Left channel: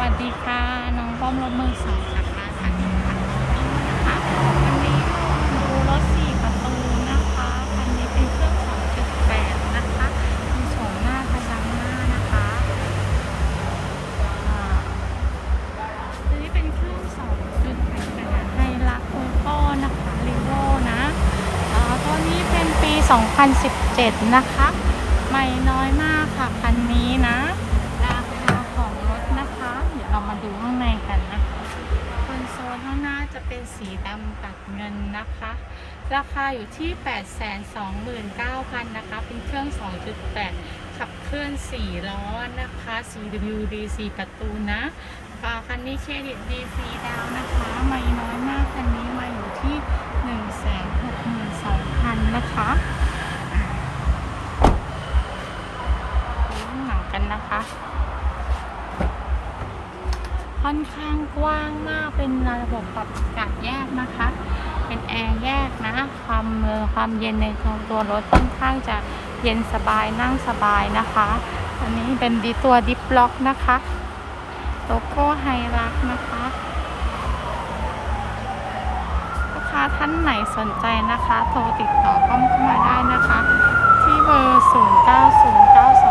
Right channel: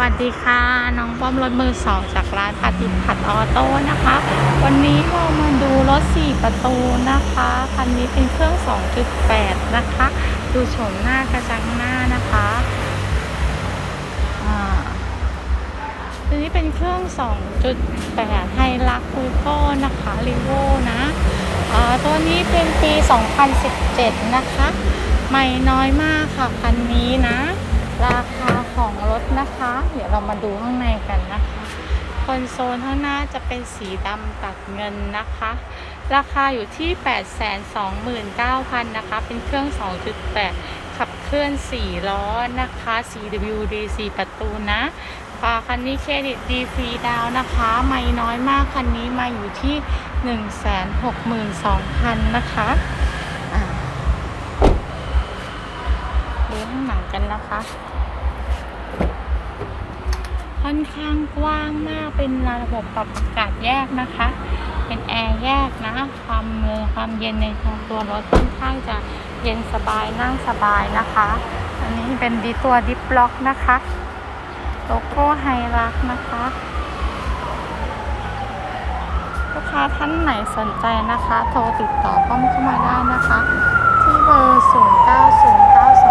วัสดีค่ะน้องป้อมรถมือสองจากร้านพัติพัดออโต้นะคะ วันนี้เรามาดูรถ4ประตูนะคะคันนี้เป็นเครื่อง 2.8 นะคะ ดูโฉมหน้ากระจังหน้านะคะอ่าทีนี้เป็นเครื่อง 2.8 ไฮลักคุยโก้นะคะรีโวนะอ่าตัวนี้เป็นปี 2017 นะคะ ใหม่น้อยมากค่ะ คันนี้นะ ราคา นะคะ เดี๋ยวเรามาดูข้างในกันนะคะคอนโซลข้างหน้าจะเป็นสีดำตัดเงินนะคะ ราคาอยู่ที่ 829,000นะคะ เป็นเครื่อง 2.8 ขับเคลื่อน 4 ล้อนะคะ CWD 4 ประตูนะฝาคันนี้เครดิตดีฟรีดาวนะคะ ไม่น้อยมากคันนี้มาอยู่ที่ 162,000นะคะดูข้างหลังกันนะคะ ค่อนข้างกว้างมากเป็นระบบปรับอากาศแยกนะคะ เป็นแอร์แยกนะ ความเย็นความเย็นในของตัวรถค่อนข้างจะเย็นสบายนั่งสบายนะคะ อันนี้เป็นดีตัวดิฟล็อกนะคะโลโก้ไฮรักนะคะลูกค้าท่านไหนสนใจนะคะ โทรติดต่อป้อมเข้ามาได้นะคะ ที่เบอร์ 0 9 0 9 0